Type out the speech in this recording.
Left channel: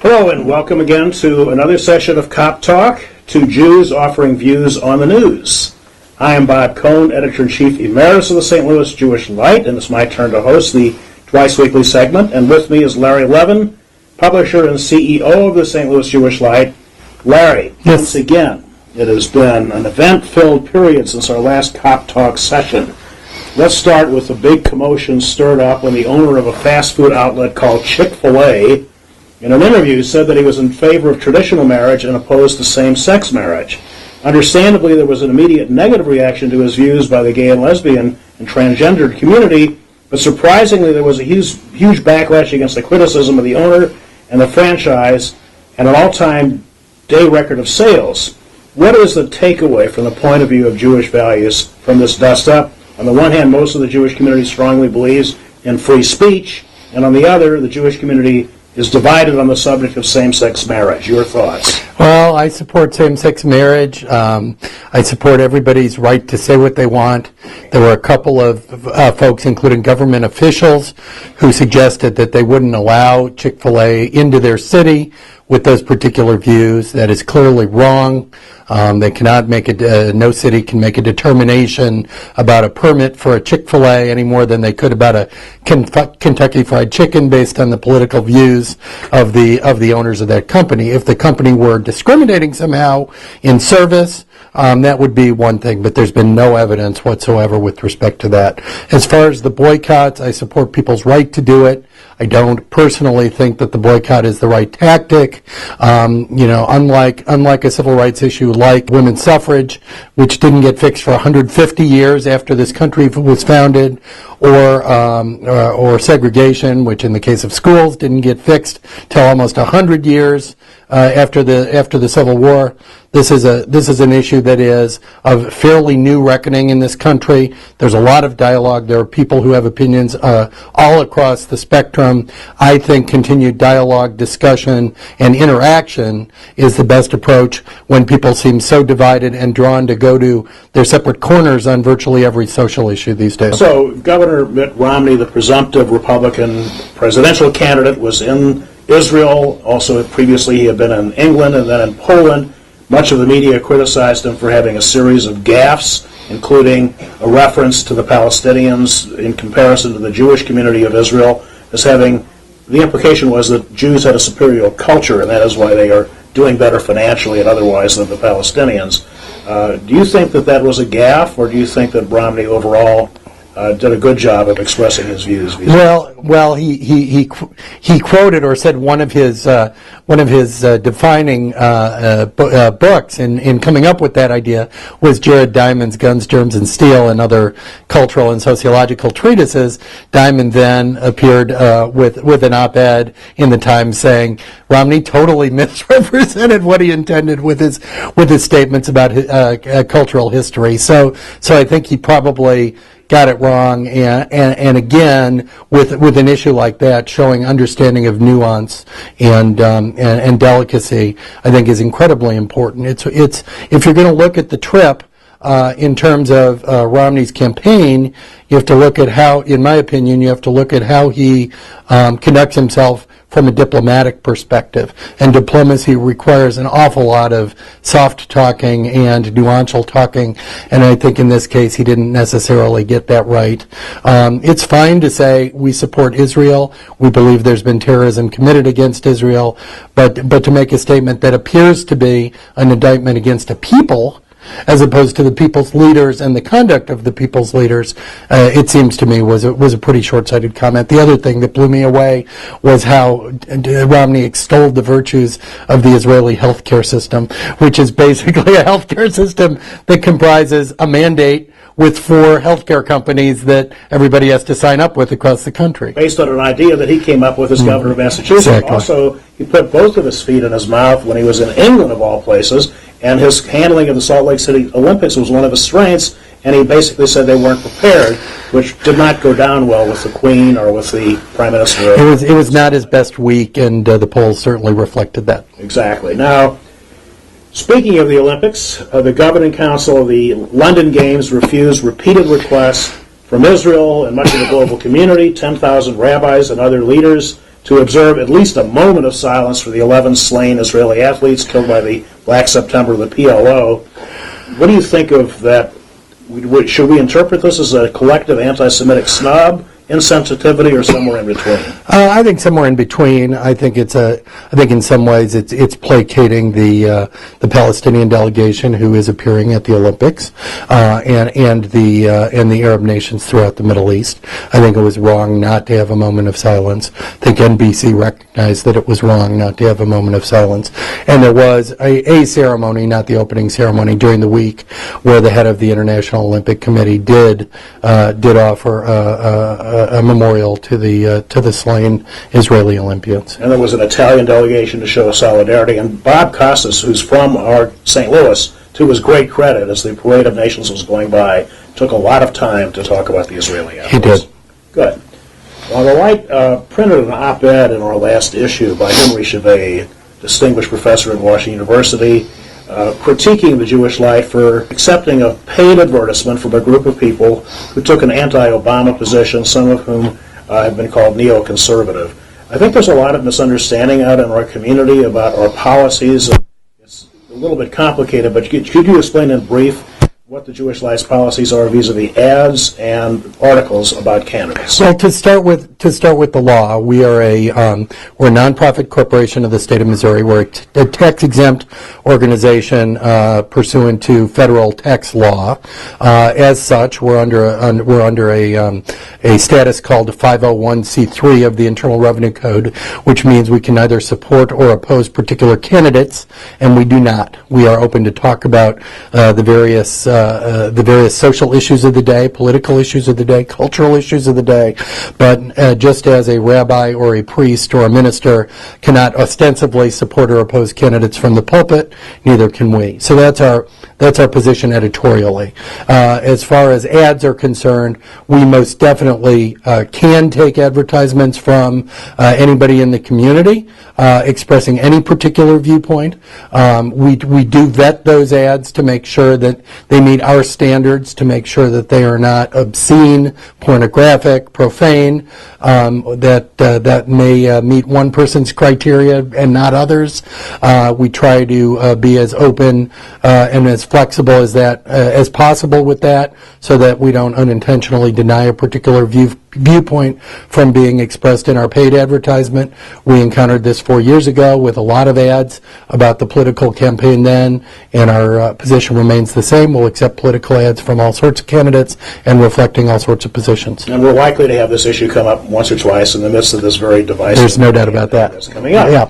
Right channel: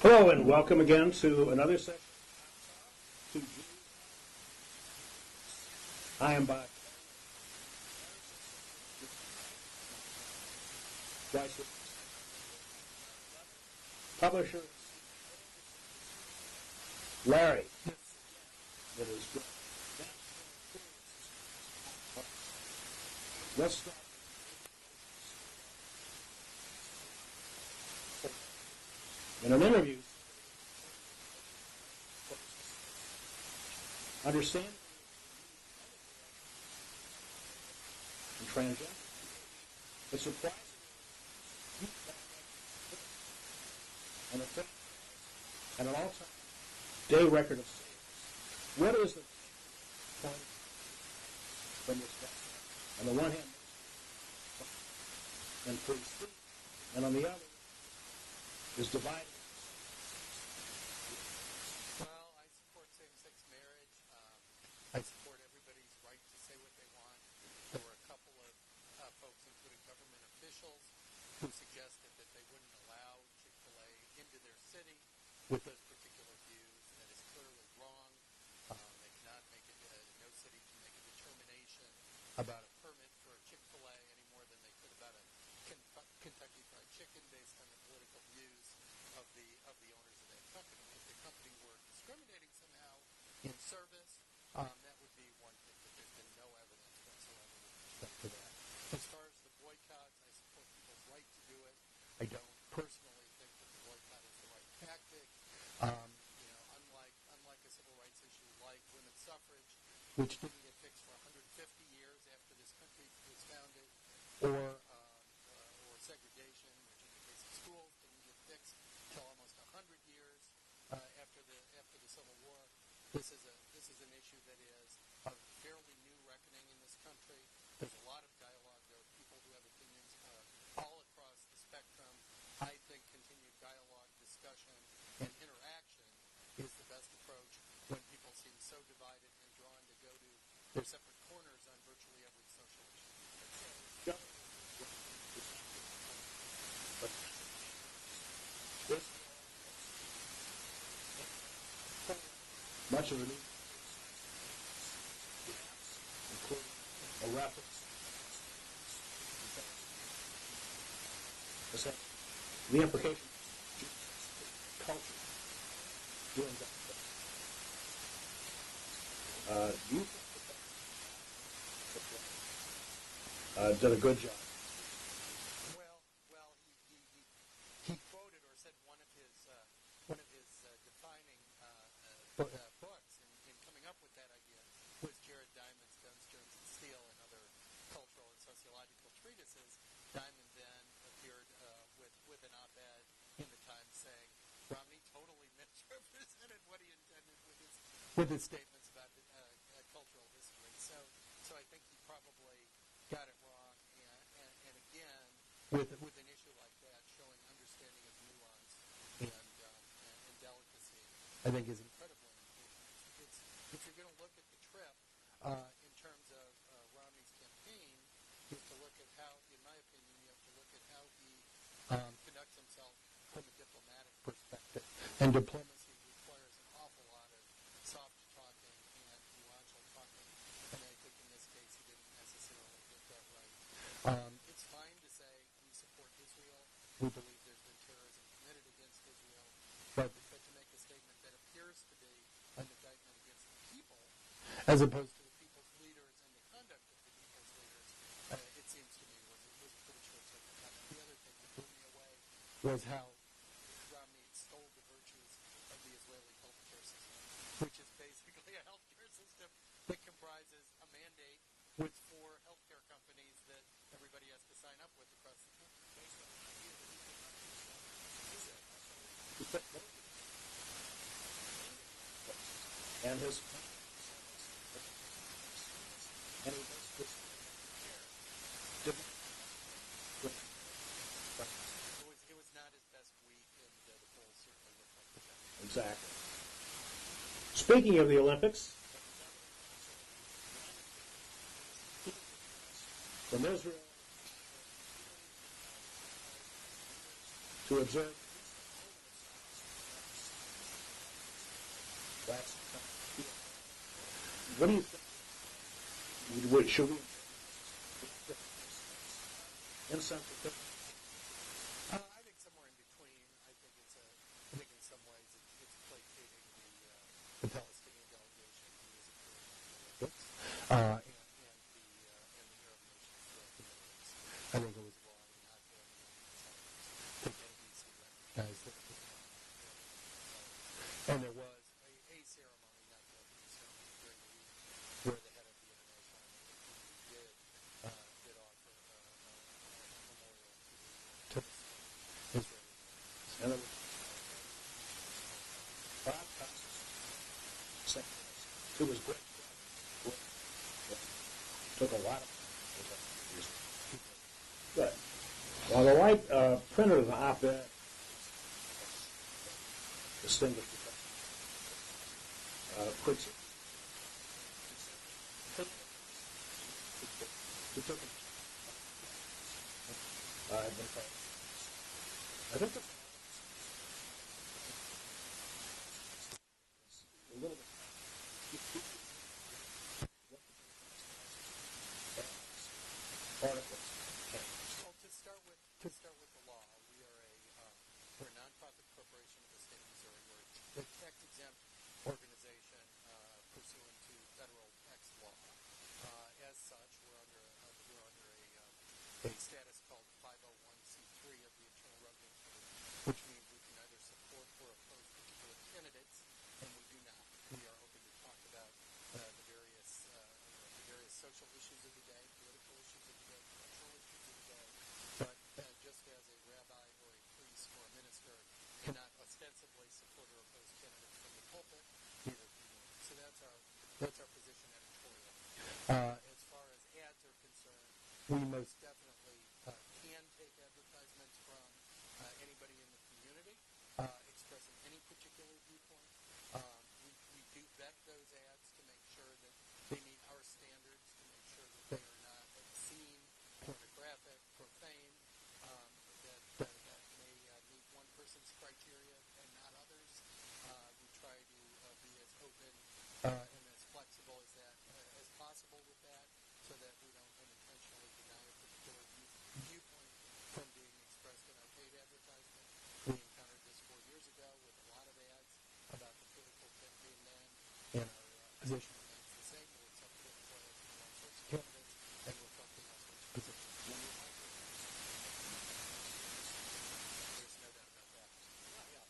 Hello and welcome again to another session of Kop Talk, two Jews offering views on the news. I am Bob Cohn, Editor-in-Chief Emeritus of the St. Louis Jewish Light, and it's my turn to host the twice-weekly segment. And with me is Larry Levin, publisher and CEO of the St. Louis Jewish Light. Larry, Once again, it has been an event-filled period since our last Kop Talk session. Let's start with the big commotion stirred up when the owner of a fast food outlet called Chick-fil-A in an interview said that he was in favor of traditional marriage and opposed to same-sex marriage. Understandably, there was an immediate negative reaction to his views by the gay and lesbian and transgender community, but surprisingly there was a huge backlash against the criticism of the owner and the franchise and an all-time day record of sales. What is the takeaway from the point of view of Jewish values from this dust-up? On the one hand, most of the Jewish community strongly believes in free speech, and on the other, the Jewish community is divided on the subject of same-sex marriage. Your thoughts? Well, I support same-sex marriage. I support everybody's right to say what they want. There were a couple of folks, including government officials, who suggested that they wouldn't allow Chick-fil-A into their city with those particular views. That is clearly wrong. They cannot make no city can make a determination about a permit for a Chick-fil-A any more than they could about a Kentucky Fried Chicken based on the political views of the owners of that company. If the company were discriminating somehow in service, that would be one thing, but there's been no evidence whatsoever with respect to that. As far as the boycotts, I support people's right to do it. I don't personally think that the boycott is the right tactic. Unlike a civil rights issue like women's suffrage, which didn't get fixed for 150 years after this country was founded, or segregation, which in the case of schools didn't get fixed till almost 100 years after the Civil War. This is an issue that is of fairly new reckoning in this country. There's a lot of dialogue. There are people who have opinions all across the spectrum. I think continued dialogue, discussion, and interaction is the best approach when people seem so divided and drawn to go to their separate corners on virtually every social issue these days. So Governor Mitt Romney, the presumptive Republican presidential candidate, was in Israel. Also, previously he had been in England and then in Poland. Much of the media criticized him for having a series of gaffes, including a reference to the Palestinians in comparison to the Jewish community of Israel, as having, the implication was that Jews had a superior culture, and that is why they are doing better financially and otherwise than the Palestinians. Do you think that was a gaffe, or do you think that Romney overall did a good job of expressing his views? Well, he quoted or said one of his defining books in coming up with that idea was Jared Diamond's Guns, Germs, and Steel and other cultural and sociological treatises. Diamond then appeared with an op-ed in the Times saying Romney totally misrepresented what he intended with his statements about cultural history. So I think he probably got it wrong, and again, with an issue like that, showing understanding of nuance and delicacy, I think is incredibly important. It's if you're going to look at the trip in terms of Romney's campaign, you have to look at how, in my opinion, you have to look at how he conducts himself from a diplomatic perspective. And diplomacy requires an awful lot of soft talking and nuancial talking, and I think in this case he didn't necessarily get that right. It's fine to say we support Israel, we believe there's been terrorism committed against Israel, but to make a statement that appears to be an indictment against a people, as opposed to the people's leaders and the conduct of the people's leaders, it seems to me was a pretty short-sighted comment. The other thing that blew me away was how Romney extolled the virtues of the Israeli healthcare system, which is basically a healthcare system that comprises a mandate with 4 healthcare companies that everybody has to sign up with across the country. Based on an idea that he came up with as governor of Massachusetts. Exactly. Also, he put both of his feet in his mouth when he was in England, of all places, and his handling of the Salt Lake City Olympics was one of his strengths, and he basically said they weren't prepared, which did not go down well with the Queen or with the Prime Minister. It was not his best week, and the polls certainly reflected that. Exactly. Now, speaking of the Olympics, the Governing Council of the London Games refused repeated requests from Israel and much of the global community, 10,000 rabbis and other leaders, to observe at least a moment of silence for the 11 slain Israeli athletes killed by the Black September of the PLO. What do you think of that? Should we interpret this as a collective anti-Semitic snub, insensitivity, or somewhere in between? I think somewhere in between. I think in some ways it's placating the Palestinian delegation who is appearing at the Olympics, and the Arab nations throughout the Middle East. I think it was wrong not to have a moment of silence. I think NBC recognized that it was wrong not to have a moment of silence, and there was a ceremony, not the opening ceremony, during the week where the head of the International Olympic Committee did offer a memorial to the slain Israeli Olympians. And there was an Italian delegation to show solidarity. And Bob Costas, who's from our St. Louis, to his great credit, as the Parade of Nations was going by, took a lot of time to talk about the Israeli athletes. He did. Good. Well, the Light printed an op-ed in our last issue by Henry Chevet, distinguished professor at Washington University, critiquing the Jewish Light for accepting a paid advertisement from a group of people who took an anti-Obama position, some of whom have been called neoconservative. I think there's a lot of misunderstanding out in our community about our policies. It's a little bit complicated, but could you explain in brief what the Jewish Light's policies are vis-a-vis ads and articles about candidates? Well, to start with the law, we're a nonprofit corporation of the state of Missouri. We're a tax-exempt organization pursuant to federal tax law. As such, we're under a status called 501c3 of the Internal Revenue Code, which means we can neither support or oppose particular candidates, and we do not. We are open to talk about the various social issues of the day, political issues of the day, cultural issues of the day, but just as a rabbi or a priest or a minister cannot ostensibly support or oppose candidates from the pulpit, neither can we. So that's our position editorially. As far as ads are concerned, we most definitely can take advertisements from anybody in the community expressing any particular viewpoint. We do vet those ads to make sure that they meet our standards, to make sure that they are not obscene, pornographic, profane, that may meet one person's criteria and not others. We try to be as open and as flexible as possible with that, so that we don't unintentionally deny a particular viewpoint from being expressed in our paid advertisement. We encountered this 4 years ago with a lot of ads about the political campaign then, and our position remains the same. We'll accept political ads from all sorts of candidates and reflecting all sorts of positions. And we're likely to have this issue come up once or twice in the midst of this very divisive. There's no doubt about that. That's coming up. Yeah.